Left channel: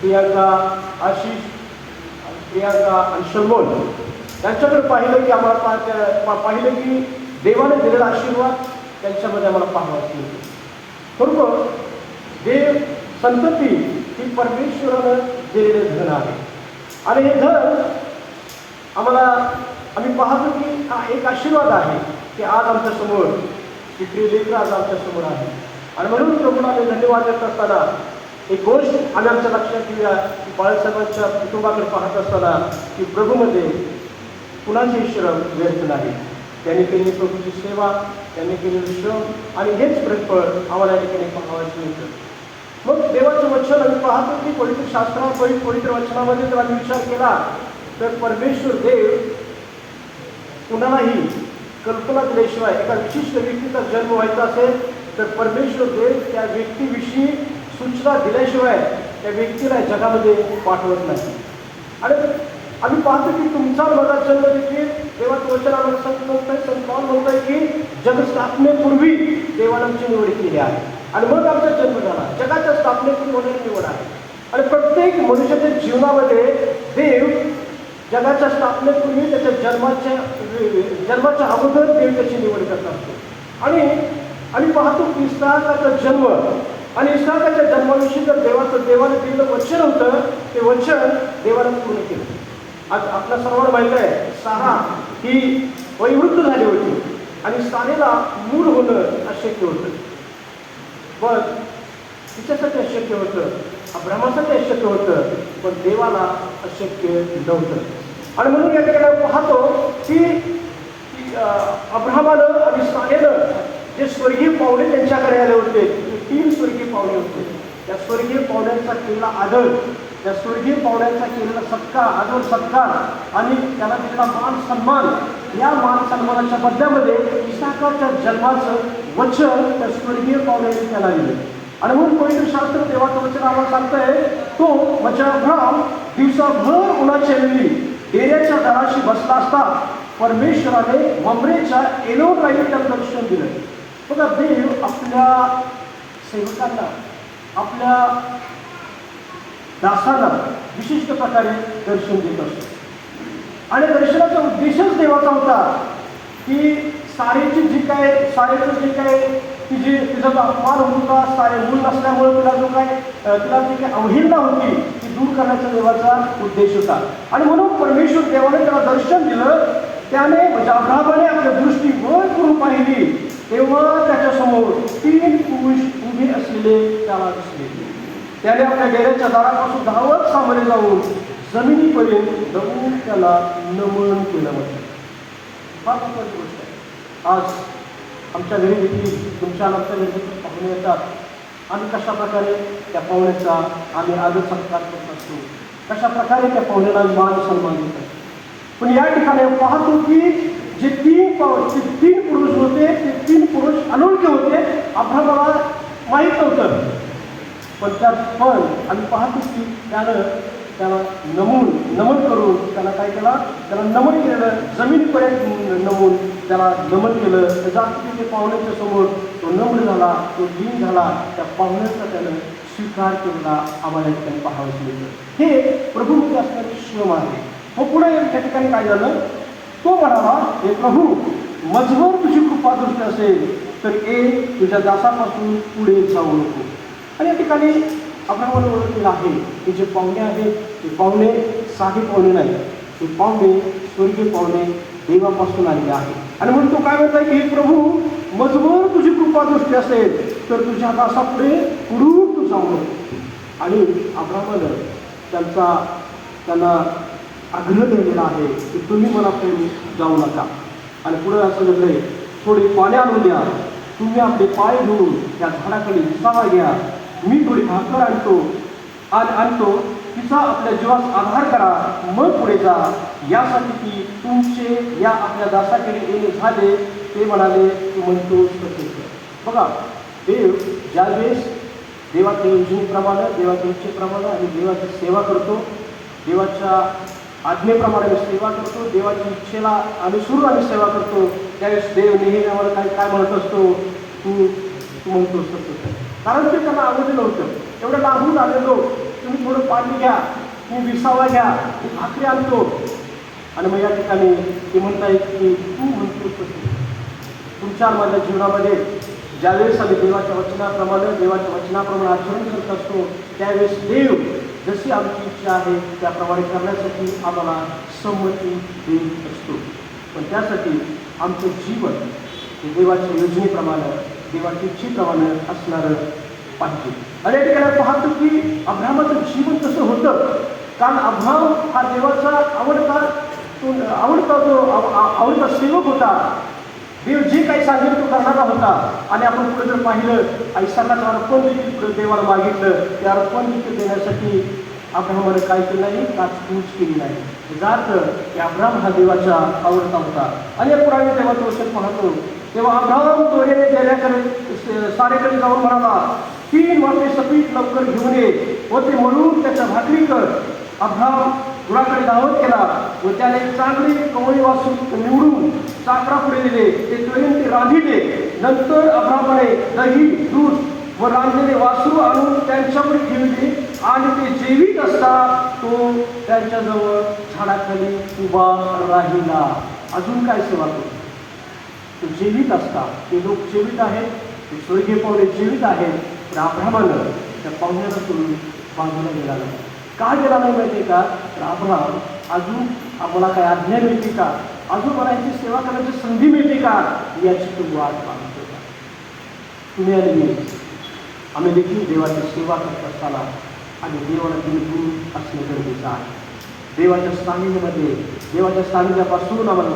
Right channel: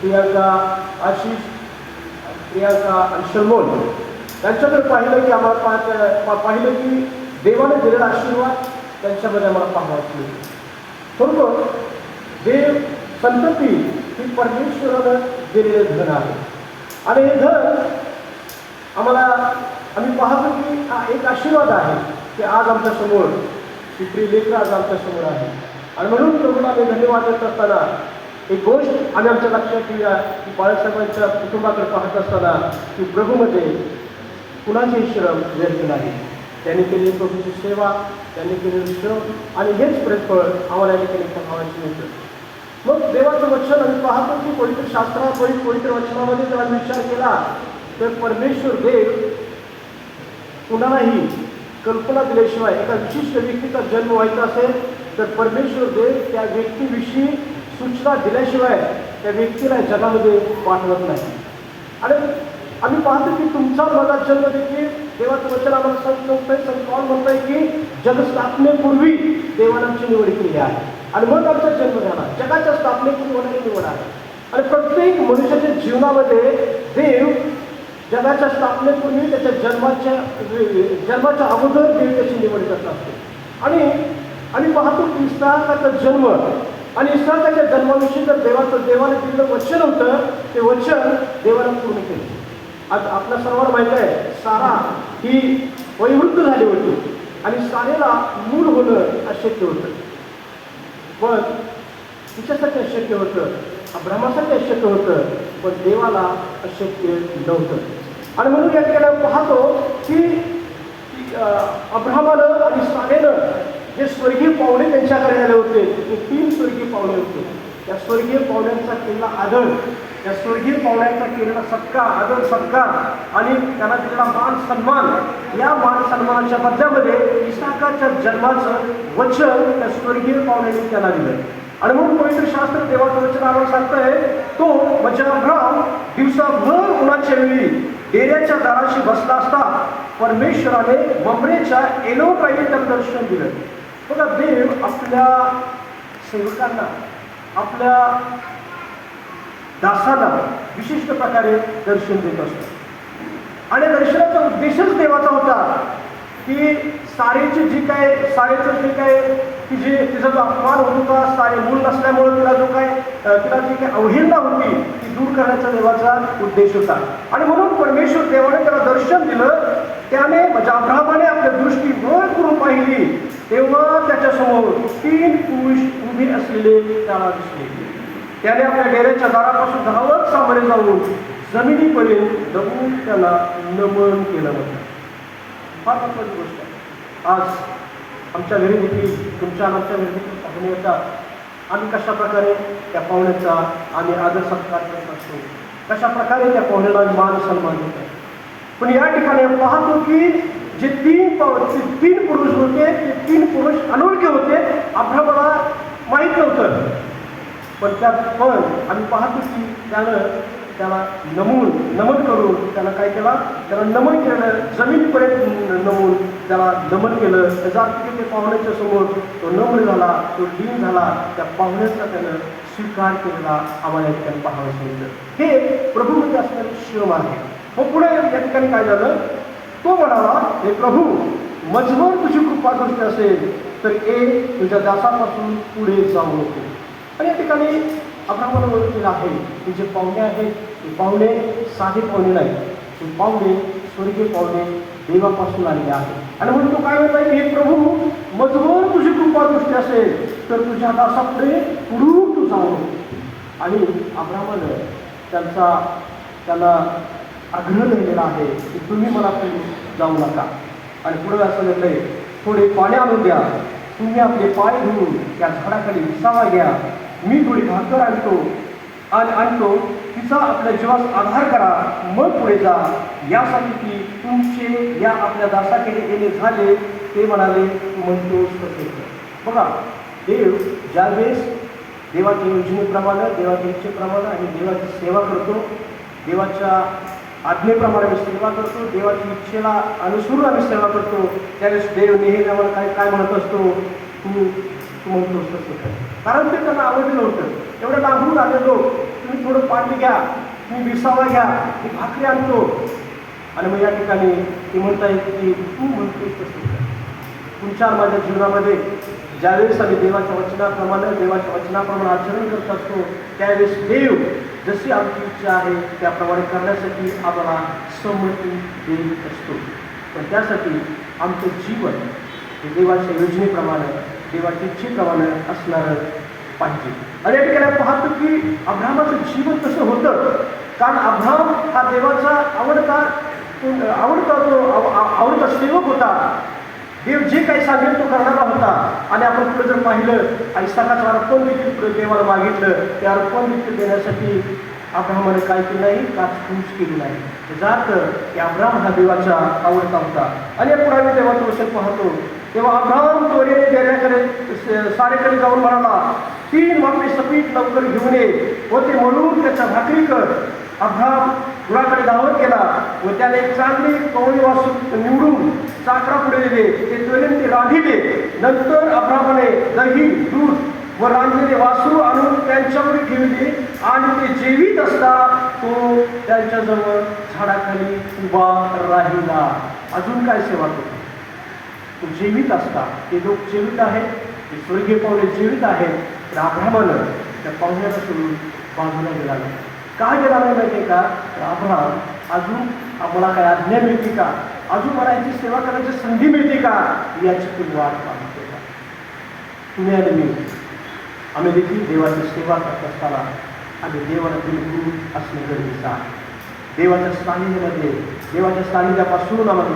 प्रियांका आशिष, प्रियांका अनशोल त्यांच्याकडे पाहिलं की आम्हाला पाहिलं की देवाने दिलेला आशीर्वाद त्यांच्यामध्ये आम्हाला पाहायची बरोबर. देव संतती ही परमेश्वरानं दिलेले धन आहे आणि हे धन आम्ही पाहतो की हा एक आशीर्वाद आहे की आज आमच्यासमोर ही प्रिय लेकरं आज आमच्यासमोर आहे. आणि म्हणून प्रभूला आम्ही धन्यवाद देत असताना एक गोष्ट आम्ही आमच्या लक्षात घेऊया की बाळासाहेबांच्या कुटुंबाकडे पाहत असताना की प्रभूमध्ये कुणाची श्रम व्यर्थ नाही. त्यांनी केलेली प्रभूची सेवा, त्यांनी केलेली श्रम आणि हेच प्रेफळ आम्हाला या ठिकाणी पाहायची होते. मग देवाचं वचन आम्ही पाहतो की पवित्र शास्त्रामध्ये पवित्र वचनामध्ये जर आम्ही विचार केला तर परमेश्वर देव कुणालाही कल्पना दिल्याशिवाय एका विशिष्ट व्यक्तीचा जन्म व्हायचा असेल तर परमेश्वर देव त्या व्यक्तीविषयी सूचना दिल्याशिवाय त्या व्यक्तीला जगामध्ये पाठवत नाही. आणि आम्ही पाहतो की तुमचा माझा जन्म देखील देवाचं वचन आम्हाला संत पौल म्हणतोय की जगस्थापनेपूर्वी देवाने आमची निवड केली आहे आणि मग आमचा जन्म झाला. जगाच्या स्थापनेपूर्वी होणारी निवड आहे. आणि प्रत्येक मनुष्याच्या जीवनामध्ये देव जगाच्या स्थापनेपूर्वी त्याच्या जन्माच्या अगोदर देव त्याची निवड करत असतो. आणि आम्ही पाहतो की इस्हाकाचा जन्म आणि इस्हाकाच्या जन्माविषयी जर देवाने दिलेलं वचन होतं ते वचन देवाने पूर्ण केलं. आज आपल्या सर्वांना माहित आहे सारा ही वयोवृद्ध झाली होती आणि सारेला मूल होणं अशक्य होतं. पण तिच्यासाठी अशक्य होतं, अब्रामासाठी अशक्य होतं, पण देवाला अशक्य नव्हतं. आणि म्हणून या ठिकाणी पाहतो की अब्रामानं आणि सारेनं जे स्वर्गीय पाहुणे त्यांच्याकडे आले होते ते 3 स्वर्गीय पाहुणे होते. त्या स्वर्गीय पाहुण्यांचा केलेला आदर, त्या स्वर्गीय पाहुण्यांचा केलेला सत्कार, आदर सत्कार आणि त्याला दिलेला मान सन्मान, या मान सन्मानाच्या मध्यामध्ये इसाकाच्या जन्माचं वचन त्या स्वर्गीय पाहुण्यांनी त्याला दिलं. आणि म्हणून पवित्र शास्त्र देवाचं वचन आम्हाला सांगतंय तो म्हणजे अब्राम दिवसाभर उन्हाच्या वेळी डेऱ्याच्या दाराशी बसला असता परमेश्वराने ममरेच्या एलोकाईने त्याला दर्शन दिलं. बघा देव आपल्या सेवकांना, आपल्या दासांना विशिष्ट प्रकारे दर्शन देत असतो आणि दर्शनाचा उद्देशच देवाचा होता की सारेचं जे काय तिचा जो अपमान होत होता, सारे मूल नसल्यामुळे तिला जी काही अवहेलना होती ती दूर करण्याचा देवाचा उद्देश होता. आणि म्हणून परमेश्वर देवाने त्याला दर्शन दिलं. त्याने म्हणजे अब्रामाने आपल्या दृष्टी वर करून पाहिली तेव्हा त्याच्यासमोर 3 पुरुष उभे असलेले त्याला दिसले. त्याने आपल्या डेऱ्याच्या दारापासून धावत सामोरे जाऊन जमिनीपर्यंत जाऊन त्याला नमन केलं होतं. फार महत्त्वाची गोष्ट आहे. आज आमच्या घरी देखील तुमच्या आमच्या घरी देखील पाहुणे येतात. आम्ही कशा प्रकारे त्या पाहुण्याचा आम्ही आदर सत्कार करत असतो, कशा प्रकारे त्या पाहुण्याला मान सन्मान देत असतो. पण या ठिकाणी पाहतो की जे 3 पुरुष होते ते 3 पुरुष अनोळखी होते. अब्रामाला माहीत नव्हतं, पण त्यात आम्ही पाहतो की त्याला नमन करून त्याला काय केला, त्याला नमन केलं, जमिनीपर्यंत नमून त्याला नमन केलं. त्याचा अर्थ ते पाहुण्याच्या समोर तो नम्र झाला, तो लीन झाला, त्या पाहुण्याचा त्यानं स्वीकार केलेला आम्हाला या ठिकाणी पाहायला मिळतं. हे प्रभूमध्ये असणारे श्रम आहे. मग पुढे या ठिकाणी काय झालं, तो म्हणाला हे प्रभू मजबूर तुझी कृपा दृष्टी असेल तर तुझ्या दासापासून पुढे जाऊ नको. आणि या ठिकाणी अब्रामाला ओळखलेलं आहे की जे पाहुणे आहेत ते पाहुणे साधे पाहुणे नाही, ते पाहुणे स्वर्गीय पाहुणे देवापासून आलेले आहेत. आणि म्हणून तो काय म्हणत आहे की हे प्रभू मजबूर तुझी कृपा दृष्टी असेल तर तुझ्या दासापुढे पुढून तू जाऊ नको. आणि अब्रामानं त्याला आग्रह लिहिलेला आहे की तुम्ही मला पुढे जाऊ नका. आणि पुढे असं लिहिलंय थोडे पाणी आणून द्या, तुम्ही आपले पाय धुवून त्या झाडाखाली विसावा घ्या, मी थोडी भाकर आणतो तिचा आपल्या जीवास आधार करा, मग पुढे जा, यासाठी की तुमचे या आपल्या दासाकडे येणे झाले. ते म्हणाले तू म्हणतोस तसे. बघा देव ज्यावेळेस देवाच्या योजनेप्रमाणे, देवाच्या इच्छेप्रमाणे आणि देवाची सेवा करतो, देवाच्या आज्ञेप्रमाणे सेवा करतो, देवाची इच्छेला अनुसरून आम्ही सेवा करतो, त्यावेळेस देव नेहमी आम्हाला काय म्हणत असतो, तू म्हणतोस तसे. कारण ते त्यांना आवडलं नव्हतं. एवढं लांबून आलेलो तुम्ही थोडं पाणी घ्या, तुम्ही विसावा घ्या, मी भाकरी आणतो. आणि मग या ठिकाणी ते म्हणतायत की तू म्हणतो तसं. तुमच्या माझ्या जीवनामध्ये ज्यावेळेस आम्ही देवाच्या वचनाप्रमाणे आचरण करत असतो, त्यावेळेस देव जशी आमची इच्छा आहे त्याप्रमाणे करण्यासाठी आम्हाला संमती देत असतो. पण त्यासाठी आमचं जीवन हे देवाच्या योजनेप्रमाणे, देवाच्या इच्छेप्रमाणे असणारं पाहिजे. आणि या ठिकाणी पाहतो की अब्राहमाचं जीवन कसं होतं. कारण अब्राहम हा देवाचा आवडता सेवक होता. देव जे काही सांगेल तो करणारा होता. आणि आपण पुढे जर पाहिलं इसाकाचं अर्पण देखील पुढे देवाला मागितलं. ते अर्पण देखील देण्यासाठी अब्राहमाने काय केलं नाही, काचकूच केली नाही. जात की अब्राहम हा देवाचा आवडता होता. आणि आपण आम्ही देवाचं वचन पाहतो तेव्हा अब्राहम दोरे देण्याकडे सारेकडे जाऊन म्हणाला, 3 मापे सफीत लवकर घेऊन ये व ते म्हणून त्याच्या भाकरी कर. अब्राहम गुराकडे धावत केला व त्याने चांगली कवळी वासू निवडून चाकरा पुढे दिले. ते त्वरेने ते रांधिले. नंतर अब्राहमाने दही, दूध व रांधलेले वासरू आणून त्यांच्यावर ठेवले आणि ते जेवीत असता तो त्यांच्याजवळ झाडाखाली उभा राहिला. अजून काय सेवा केली? तो जीवित असता, ते लोक जीवित आहेत, ते स्वर्गीय पाहुणे जीवित आहेत. तर अब्राहमानं त्या पाहुण्यापासून बाजूला गेला नाही. का गेला नाही माहिती का? तर अब्राहम अजून आम्हाला काय आज्ञा मिळते का, अजून मला याची सेवा करण्याची संधी मिळते का, याची तुम्ही वाट पाहतो का? तुम्ही आणि मी आम्ही देखील देवाची सेवा करत असताना आम्ही देवाला गुरु असणे गरजेचं आहे. देवाच्या सानिध्यामध्ये, देवाच्या सानिध्यापासून आम्हाला